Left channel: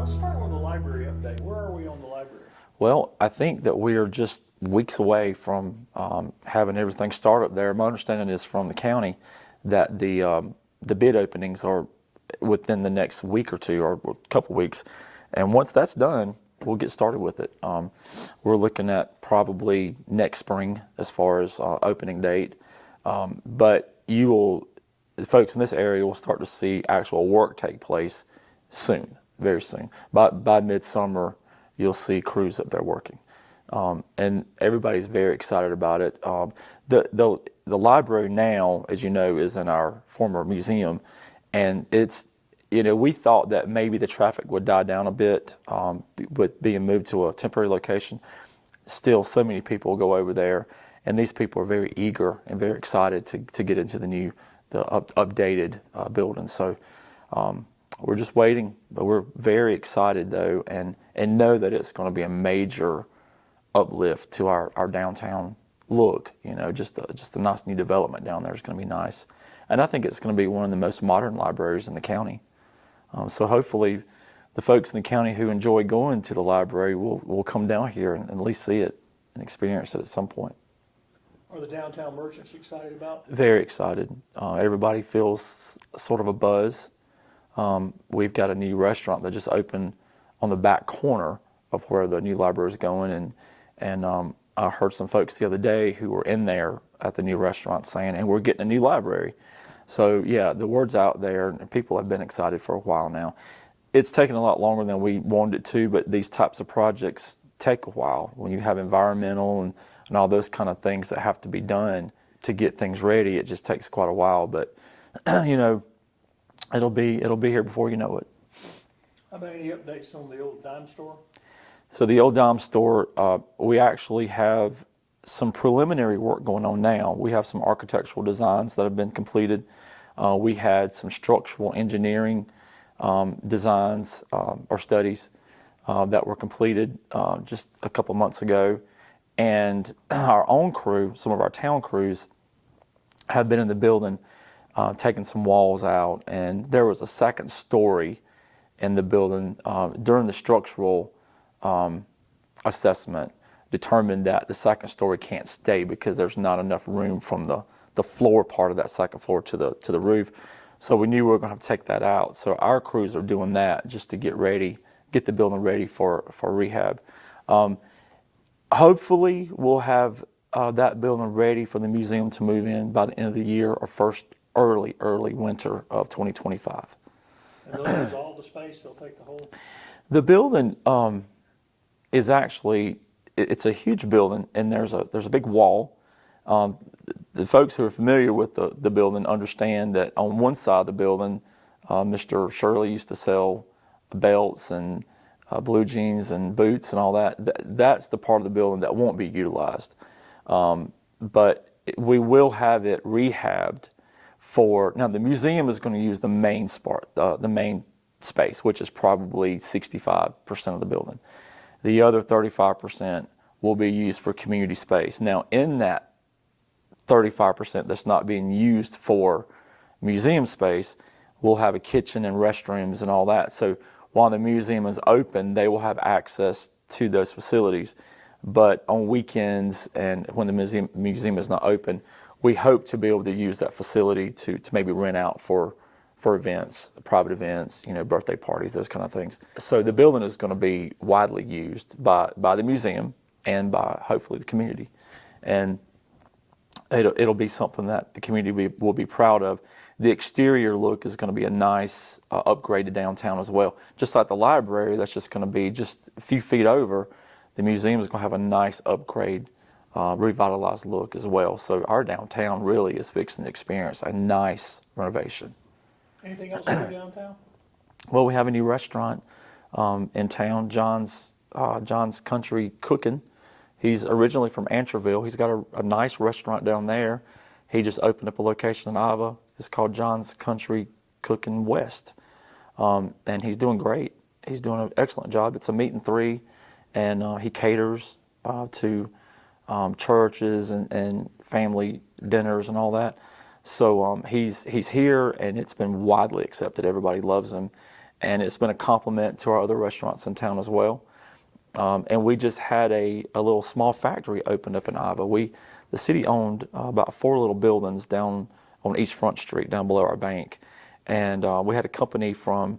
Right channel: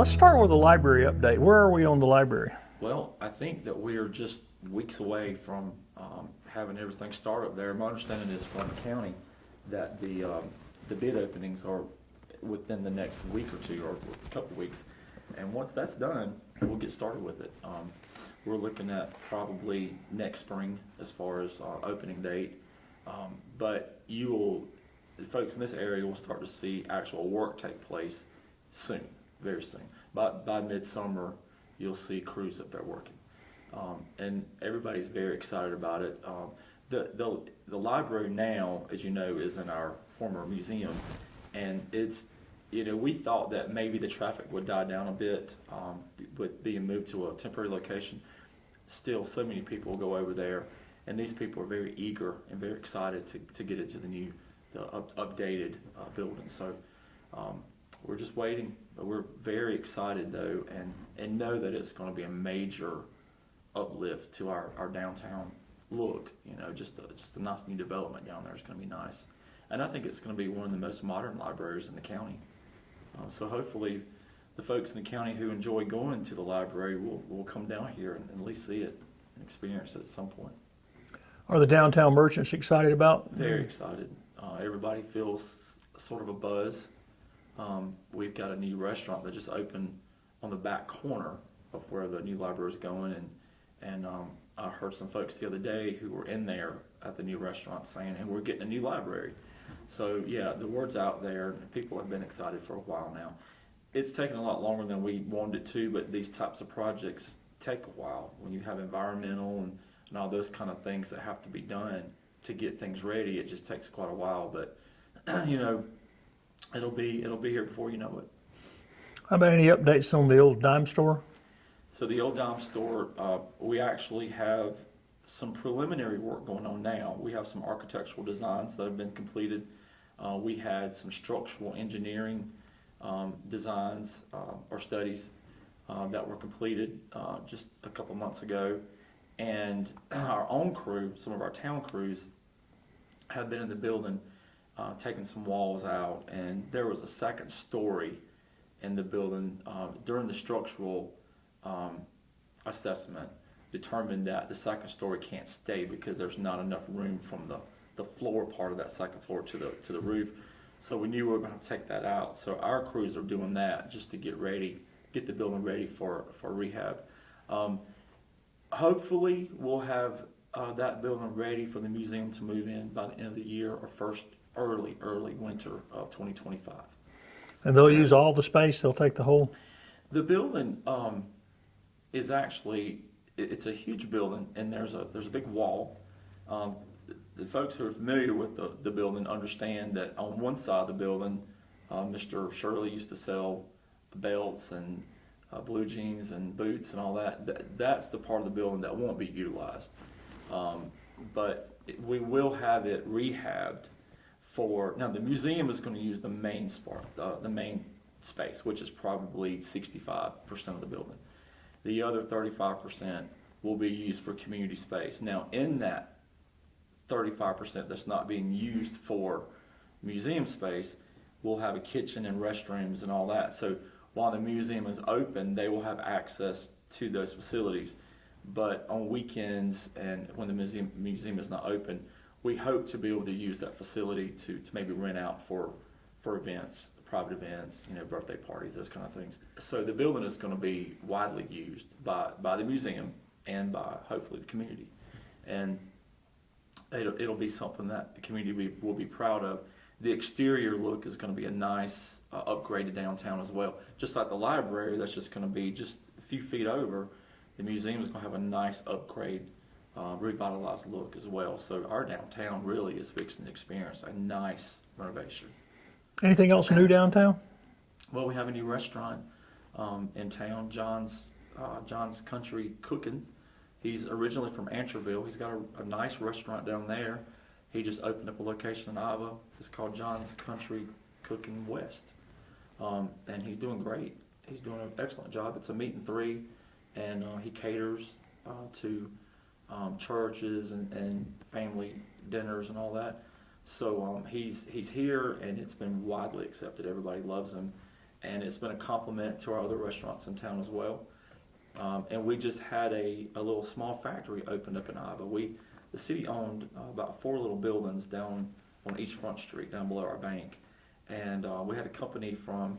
Let's start with a library update. Where are we on the library? Well, I think that we are just weeks away from having everything start up there. My understanding is from the county that the bid openings are within the next week or two, or a couple weeks. And once that's done, we'll get started with it. We're looking at probably next spring as far as opening date. But the folks in this area will start to see actual work take place soon, very soon. By midsummer, you'll see crews up there working. And everybody's very excited about it. The library now, as you know, is in our former museum, and it's, we thought that maybe the traffic would die down a bit with being moved to a temporary location. Still, so many people go over there, and these people are very eager and very excited to get into the updated building. So we're just waiting, but we're very excited though, and know that it's going to be a major uplift to our downtown look. Just a nice new development down there is going to be nice, and I think it's going to be one of the most modern libraries in the county. So hopefully, the folks in the county who enjoy going to the library will come down here and at least see it and experience it at some point. Are the downtown merchants excited about? Very excited. Everybody feels sort of a buzz. We've got a new restaurant that just opened on the back corner of where the new library is going, and I heard some folks the other day who were in there at the new restaurant saying, and we're getting a new library. So yeah, the word's out there, and people have been excited for a while now. It's taken a lot longer than we wanted it to, but these types of projects take a while. When you have environmental and all those kind of things that have to be done to get things ready, it just takes quite a while. But it'll be here before you know it. How about any updates on the old dime store? So the old dime store, we actually have some preliminary work going on now. We have some architectural designs that have been completed. We had some structural engineering designs or studies that were completed just a couple months ago. And our own crew, some of our town crews, have been in the building taking some walls out. And there was a second story in the building during the structural assessment determined that the second story can't stay because there's not enough room from the floor part of that second floor to the roof. So we knew we were going to have to take that out. So our crews are doing that just to get the building ready for rehab. Hopefully we'll have that building ready for the museum to move in by the end of the year or first early winter of 2025. And they'll use all the space? They'll take the whole? The building is actually, it's a huge building, and there's a big wall. The folks who are familiar with the building understand that on one side of the building, Mr. Shirley used to sell belts and blue jeans and boots and all that. That's the part of the building that won't be utilized. But we will have it rehabbed now the museum is going to use the main space, which is probably 65% of the building. The other 35% will be used for community space. Now, in that 35% that's not being used for museum space, we'll have a kitchen and restrooms and all that. So while the museum is open, they will have access to those facilities. But on weekends and when the museum is not open, we hope to be able to use that facility to maybe rent out for events, private events, birthday parties, those kind of things. So the building is going to be widely used by the museum and by hopefully the community. And it'll be something that the community will be proud of. The exterior look is going to be a nice upgraded downtown as well. Just like the library, that's just going to be just a few feet over. The museum is going to have a nice upgrade, revitalized look as well. So our downtown really is fixing to experience a nice renovation. Anything else new downtown? Well, we have a new restaurant in town, John's Country Cooking. He's originally from Antroville. He's got a nice restaurant down there. He just opened up a location in Iva. It's called John's Country Cooking West. And he's doing great. He's doing an excellent job. It's a meat and three, and he caters to churches and family dinners and all that. So he's here, and it's been widely accepted. Everybody loves him. and it's been a compliment to our other restaurants in town as well. And we just had a little small factory opened up in Iva. The city owned about 4 little buildings down on East Front Street, down below our bank. And we had a company from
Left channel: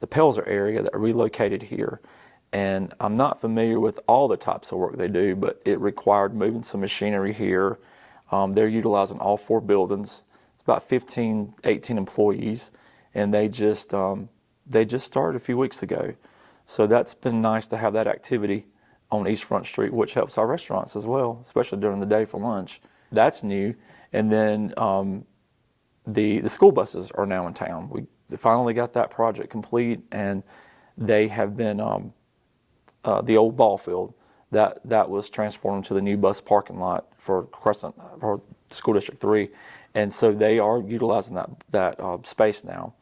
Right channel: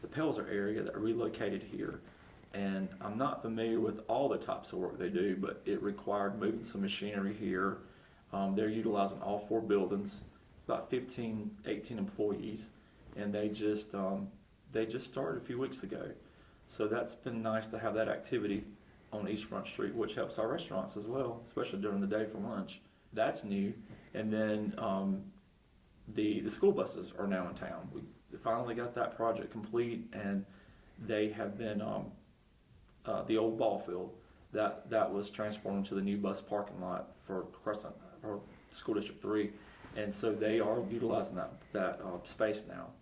the Pelzer area that relocated here. And I'm not familiar with all the types of work they do, but it required moving some machinery here. They're utilizing all 4 buildings. It's about 15, 18 employees, and they just started a few weeks ago. So that's been nice to have that activity on East Front Street, which helps our restaurants as well, especially during the day for lunch. That's new. And then the school buses are now in town. We finally got that project complete, and they have been the old ball field that was transformed to the new bus parking lot for School District 3, and so they are utilizing that space now.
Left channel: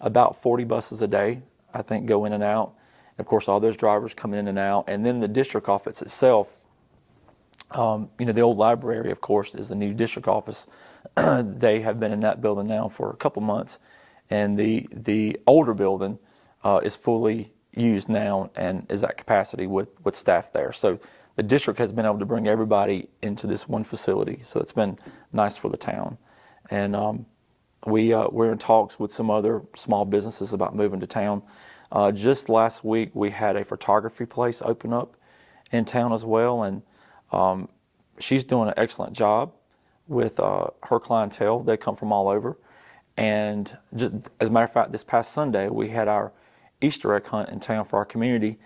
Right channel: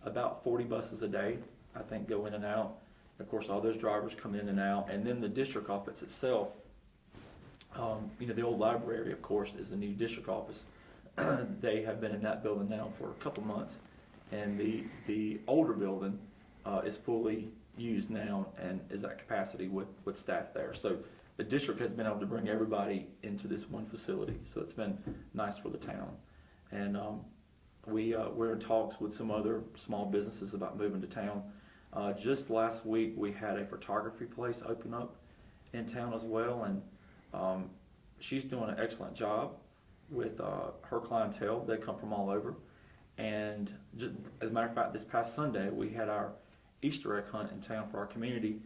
About 40 buses a day, I think, go in and out. And of course, all those drivers come in and out, and then the district office itself. The old library, of course, is the new district office. They have been in that building now for a couple months, and the older building is fully used now and is at capacity with staff there. So the district has been able to bring everybody into this one facility. So it's been nice for the town. And we're in talks with some other small businesses about moving to town. Just last week, we had a photography place open up in town as well, and she's doing an excellent job with her clientele. They come from all over. And just as a matter of fact, this past Sunday, we had our Easter egg hunt in town for our community,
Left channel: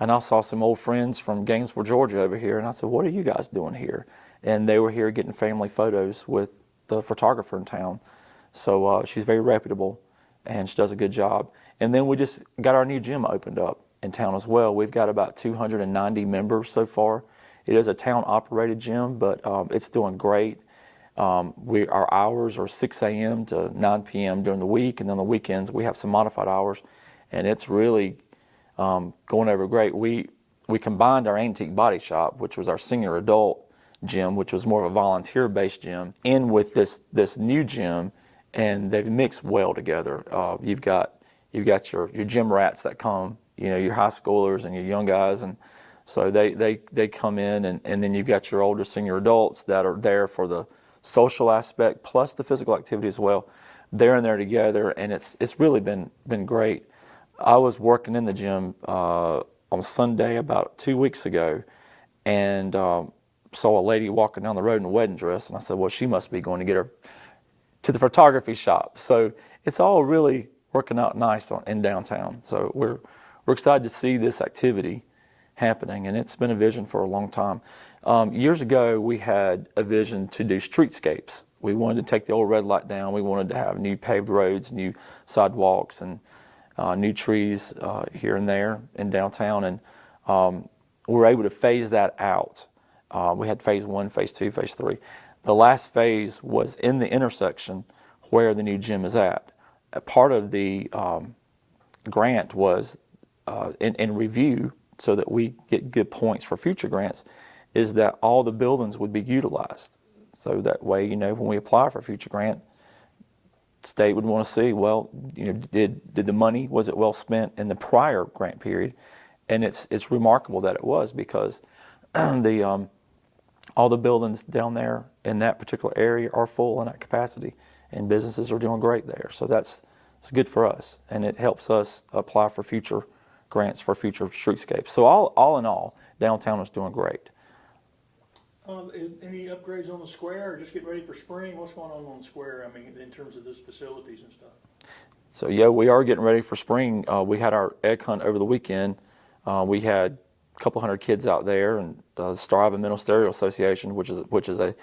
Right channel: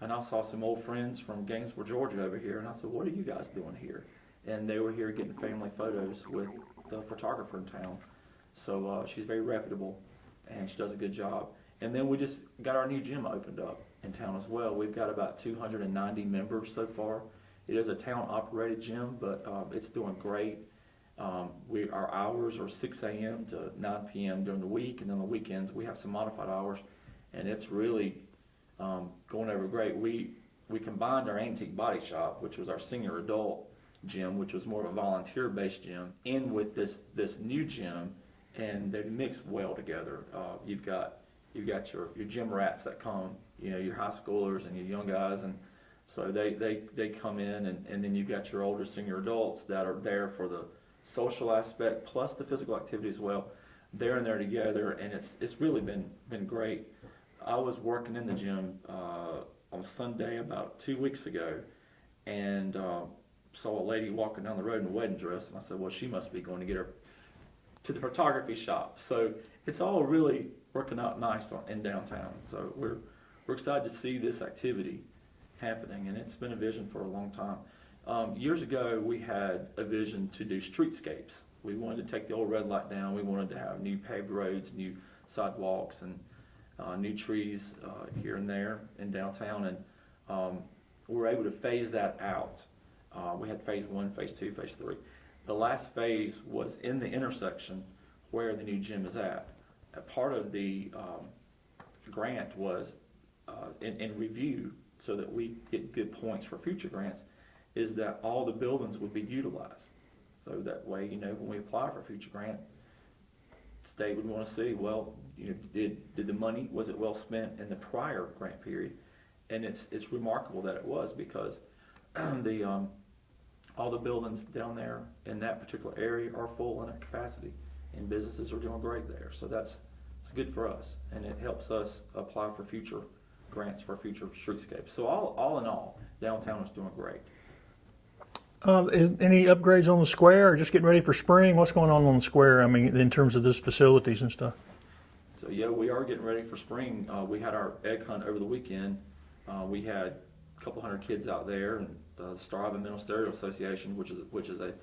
and I saw some old friends from Gainesville, Georgia over here, and I said, "What are you guys doing here?" And they were here getting family photos with the photographer in town. So she's very reputable, and she does a good job. And then we just got our new gym opened up in town as well. We've got about 290 members so far. It is a town-operated gym, but it's doing great. Our hours are 6 a.m. to 9 p.m. during the week, and then the weekends we have some modified hours. And it's really going over great. We combined our Antique Body Shop, which was our senior adult gym, which was more of a volunteer-based gym, in with this new gym, and they've mixed well together. You've got your gym rats that come, your high schoolers and your young guys, and so they come in, and then you've got your older senior adults that are there for the social aspect plus the physical activity as well. They're in there together, and it's really been great. I was working in the gym on Sunday about 2 weeks ago, and saw a lady walking down the road in a wedding dress, and I said, well, she must be going to get her to the photography shop. So it's all really working out nice in downtown. So we're excited to see this activity happening, and it's been a vision for a long time. Years ago, we had a vision to do streetscapes. We wanted to take the old red light down. We wanted to have new paved roads, new sidewalks, and new trees here and there in downtown, and we were able to phase that out. We had phase 1, phase 2, phase 3. The last phase was in the intersection where the new gym is at. A part of the grant was in review, so that we get good points for future grants, is that all the buildings would be utilized. So that way, when we apply for a future grant, state would want to see, well, did the money, was it well spent in the prior grant period? And it's remarkable that it was, because all the buildings down there in that particular area are full and at capacity, and businesses are doing great there. So it's good for us, and it helps us apply for future grants for future streetscapes. So all in all, downtown is doing great. Any upgrades on the square, or just getting ready for spring? What's going on the square? I mean, in terms of this facilities and stuff. So yeah, we are getting ready for spring. We had our egg hunt over the weekend. We had a couple hundred kids out there, and the Star Iva Ministerial Association, which is an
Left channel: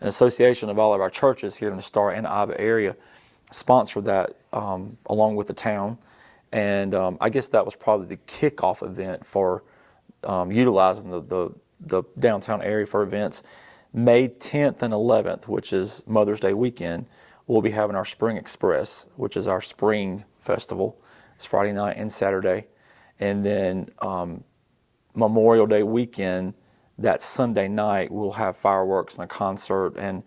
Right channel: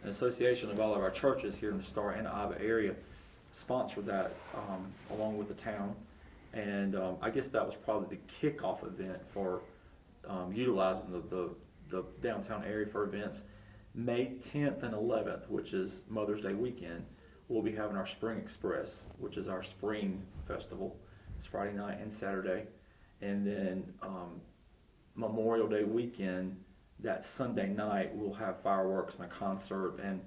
association of all of our churches here in the Star and Iva area, sponsored that along with the town. And I guess that was probably the kickoff event for utilizing the downtown area for events. May 10th and 11th, which is Mother's Day weekend, we'll be having our Spring Express, which is our spring festival. It's Friday night and Saturday. And then Memorial Day weekend, that Sunday night, we'll have fireworks and a concert and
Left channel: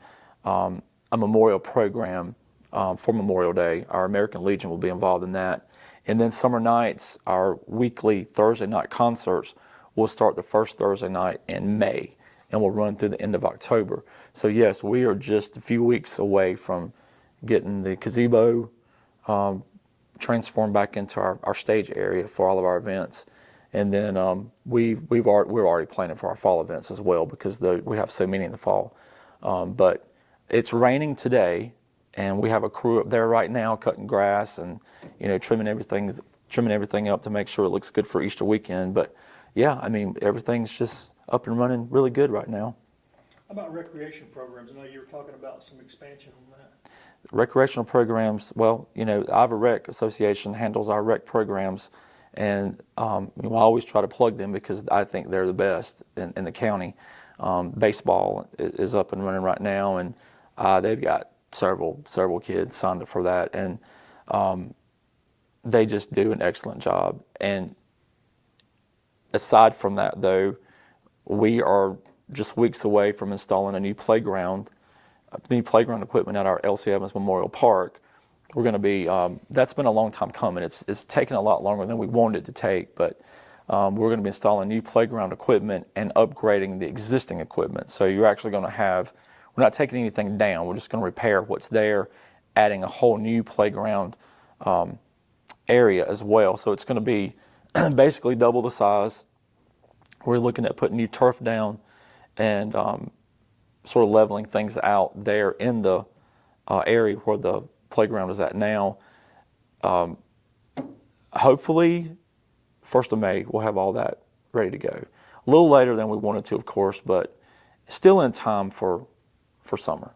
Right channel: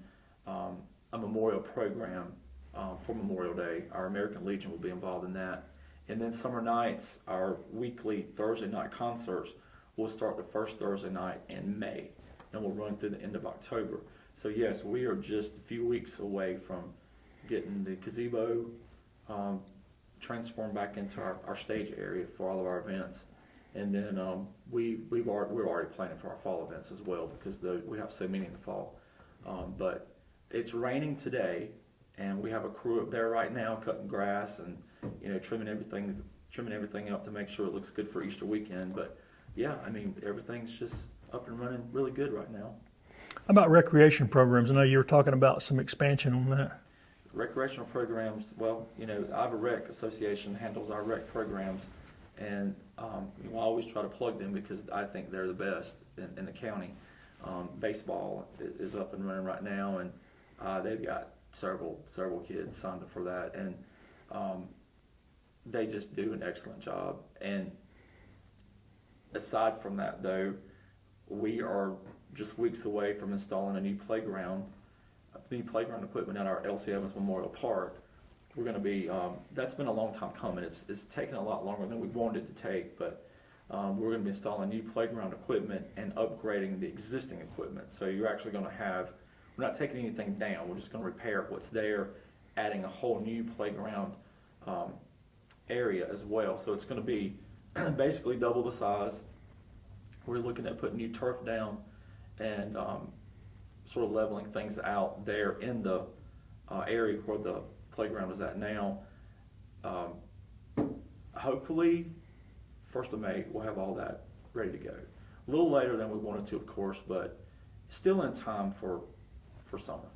a memorial program for Memorial Day. Our American Legion will be involved in that. And then summer nights, our weekly Thursday night concerts will start the first Thursday night in May and will run through the end of October. So yes, we are just a few weeks away from getting the gazebo transformed back into our stage area for all of our events. And then we're already planning for our fall events as well, because we have so many in the fall. But it's raining today, and we have a crew up there right now cutting grass and trimming everything up to make sure it looks good for Easter weekend. But yeah, I mean, everything's just up and running really good right now. How about recreation programs? I know you were talking about some expansion on that. Recreational programs, well, the Iva Rec Association handles our rec programs, and I always try to plug them because I think they're the best in the county. Baseball is up and running right now, and they've got several kids signed up for that, and they just do an excellent job. And aside from that, though, we are just weeks away from installing a new playground equipment at our L.C. Evans Memorial Park. We're going to be, that's been a long time coming. It's taken a lot longer than we wanted it to take, but we're going to be installing new playground equipment and upgrading the existing equipment. So you're actually going to we're not taking anything down, we're just going to repair what's there, adding a whole new playground area as well. So it's going to be basically double the size. We're looking at putting new turf down and sort of leveling things out there in the area where the playground is at now. Hopefully, 1st of May, we'll have all that ready to go. A little later than we wanted to, of course, but still in time for summer.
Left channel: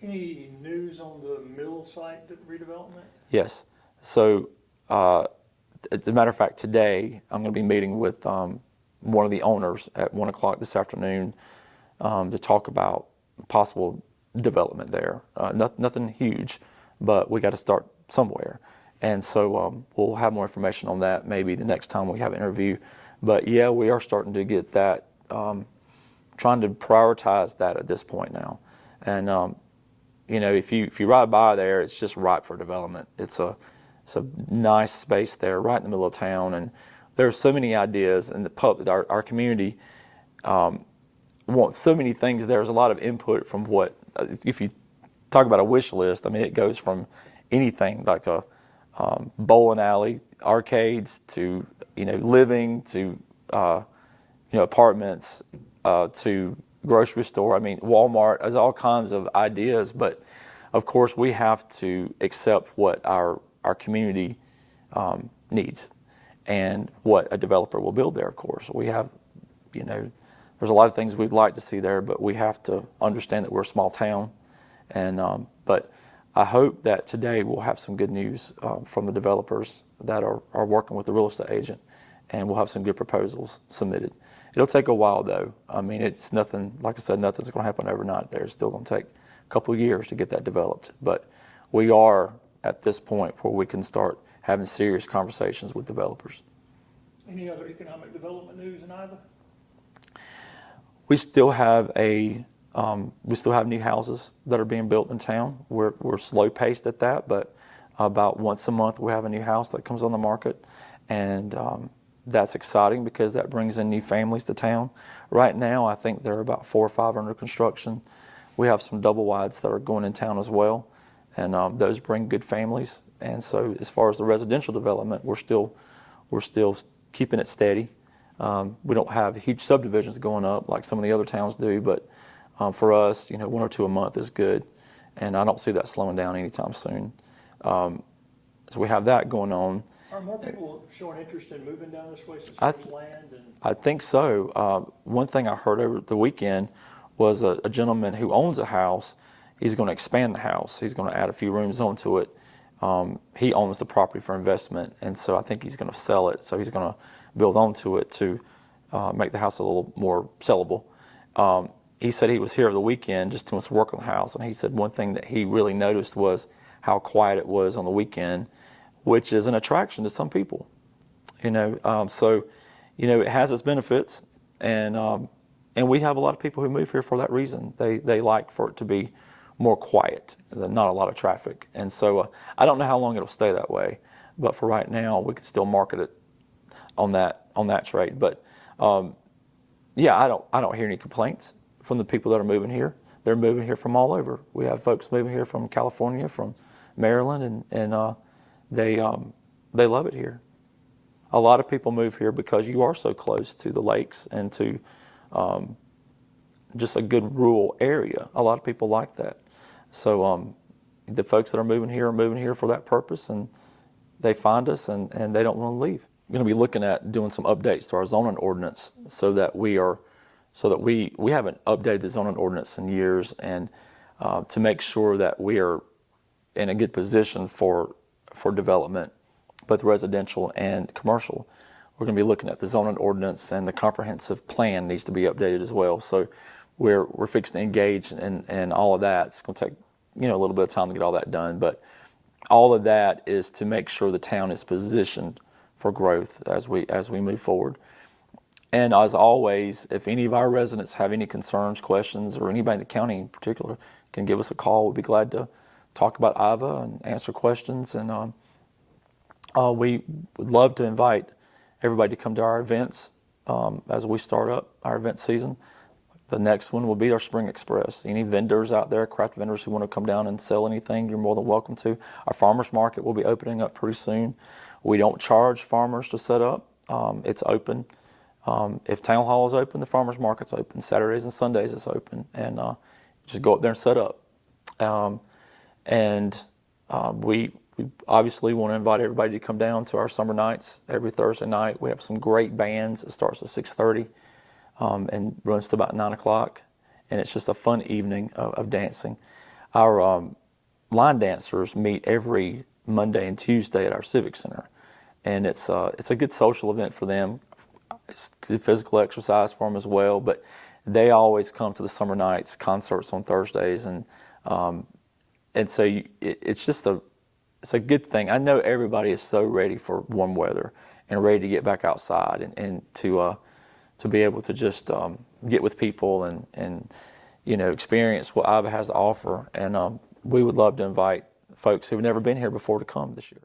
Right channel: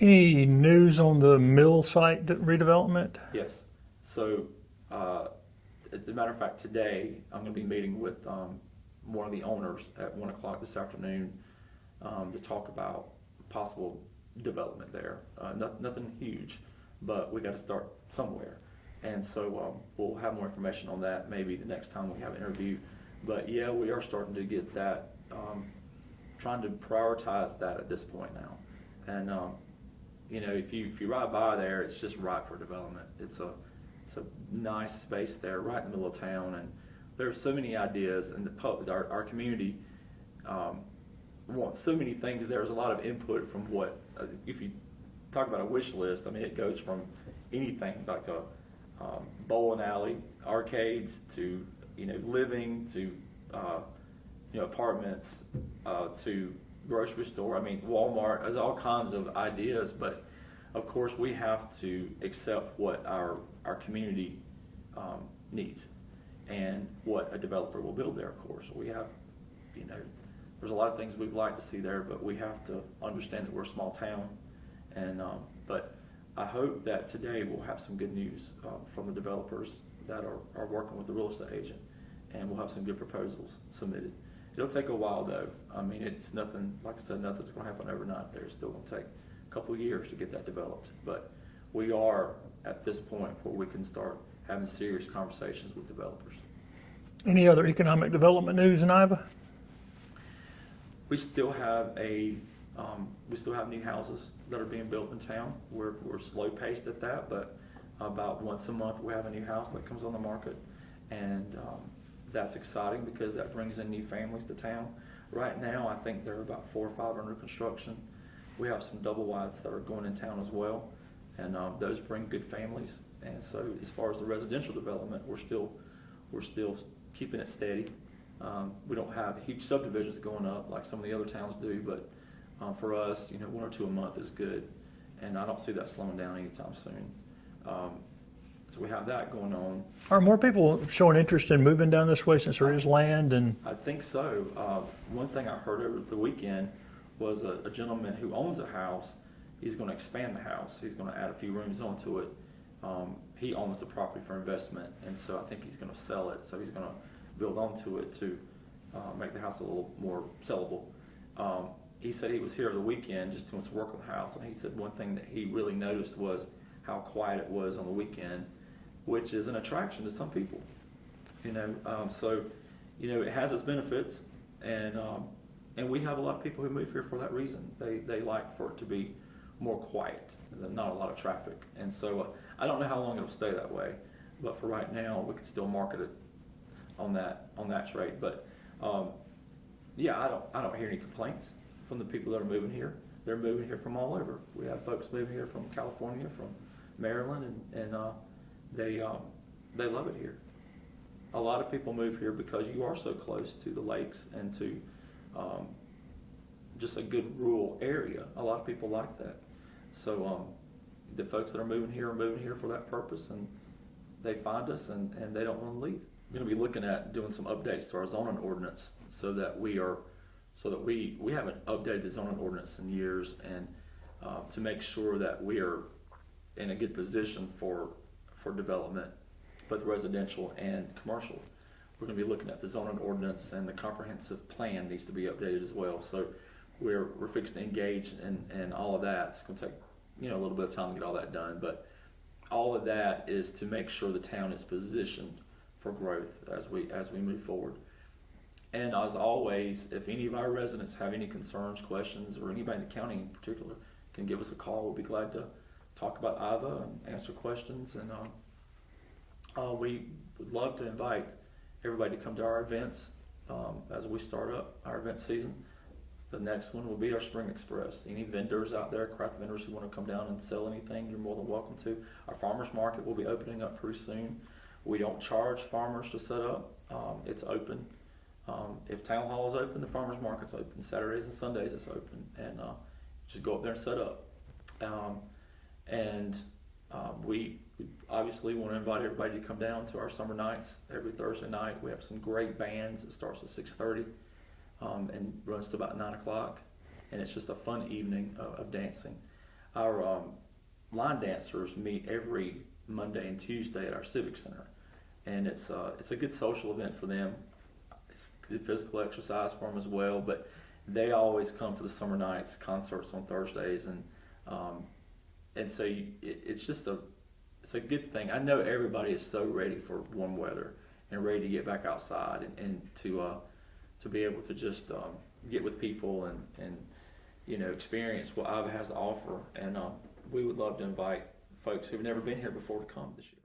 Any news on the mill site redevelopment? Yes. So, as a matter of fact, today I'm going to be meeting with one of the owners at 1 o'clock this afternoon to talk about possible development there. Nothing huge, but we got to start somewhere. And so we'll have more information on that maybe the next time we have an interview. But yeah, we are starting to get that, trying to prioritize that at this point now. And if you ride by there, it's just ripe for development. It's a nice space there, right in the middle of town, and there's so many ideas. And our community wants so many things. There's a lot of input from if you talk about a wish list. I mean, it goes from anything like a bowling alley, arcades, to living, to apartments, to grocery store. I mean, Walmart. There's all kinds of ideas, but of course we have to accept what our community needs and what a developer will build there. Of course, we have, there's a lot of things we'd like to see there, but we have to understand that we're a small town. And but I hope that today we'll have some good news from the developers that are working with the real estate agent, and we'll have some good proposals submitted. It'll take a while, though. I mean, it's nothing, like I said, nothing's going to happen overnight there. It's still going to take a couple of years to get that developed. But we are at this point where we can start having serious conversations with developers. Any other economic development news in Iva? We still have new houses that are being built in town. We're slow paced at that, but about once a month we have a new house that comes on the market, and that's exciting because that brings in new families to town. Right now, I think there are about 4 or 5 under construction. We have some double wides that are going in town as well, and those bring good families. And so, as far as the residential development, we're still keeping it steady. We don't have huge subdivisions going up like some of the other towns do, but for us, 1 or 2 a month is good, and I don't see that slowing down anytime soon. So we have that going on. Are more people showing interest in moving down this way since there is land? And I think so. One thing I heard over the weekend was a gentleman who owns a house. He's going to expand the house. He's going to add a few rooms onto it. He owns the property for investment, and so I think he's going to sell it. So he's going to build onto it to make the house a little more sellable. He said he was here over the weekend just doing some work on the house, and he said one thing that he really noticed was how quiet it was on the weekend, which is an attraction to some people. So it has its benefits, and we have a lot of people who move here for that reason. They like for it to be more quiet, not a lot of traffic. And so I don't know how long it'll stay that way, But for right now, we can still market it on that trade. But yeah, I don't hear any complaints from the people that are moving here. They're moving here from all over. We have folks moving here from California, from Maryland, and they love it here. A lot of people move here because you are so close to the lakes and to just a good rural area. A lot of people like that. So the folks that are moving here for that purpose, and they find us and they don't want to leave. We're going to be looking at doing some updates to our zoning ordinance so that we haven't updated the zoning ordinance in years, and to make sure that we are in a good position for development, both residential and commercial. We're going to be looking at the zoning ordinance, and the comprehensive plan needs to be updated as well. So we're fixing to engage in all of that. It's going to take a little bit of time to get all that done, but all of that is to make sure the town is positioned for growth as we move forward. And as always, if any of our residents have any concerns, questions, or anybody in the county in particular can give us a call, we'd be glad to talk about Iva and answer questions. And we would love to invite everybody to come to our events as we start up our event season. The next one will be our Spring Express. Any vendors out there, craft vendors who want to come down and sell anything, you're more than welcome to. Our farmers market will be opening up pretty soon. We don't charge farmers to set up. It's open. If town hall is open, the farmers market's open. Saturdays and Sundays it's open, and just go up there and set up. We obviously want to invite everybody to come down to our summer nights every Thursday night. We have some great bands. It starts at 6:30 and runs to about 9 o'clock, and it's just a fun evening of dancing. Our line dancers meet every Monday and Tuesday at our Civic Center, and it's a good social event for them. It's good physical exercise for them as well, but they always come to the summer nights concerts on Thursdays, and so it's a good thing. I know everybody is so ready for warm weather and ready to get back outside and to be able to just get with people and experience what Iva has to offer. And we would love to invite folks who've never been here before to come this year.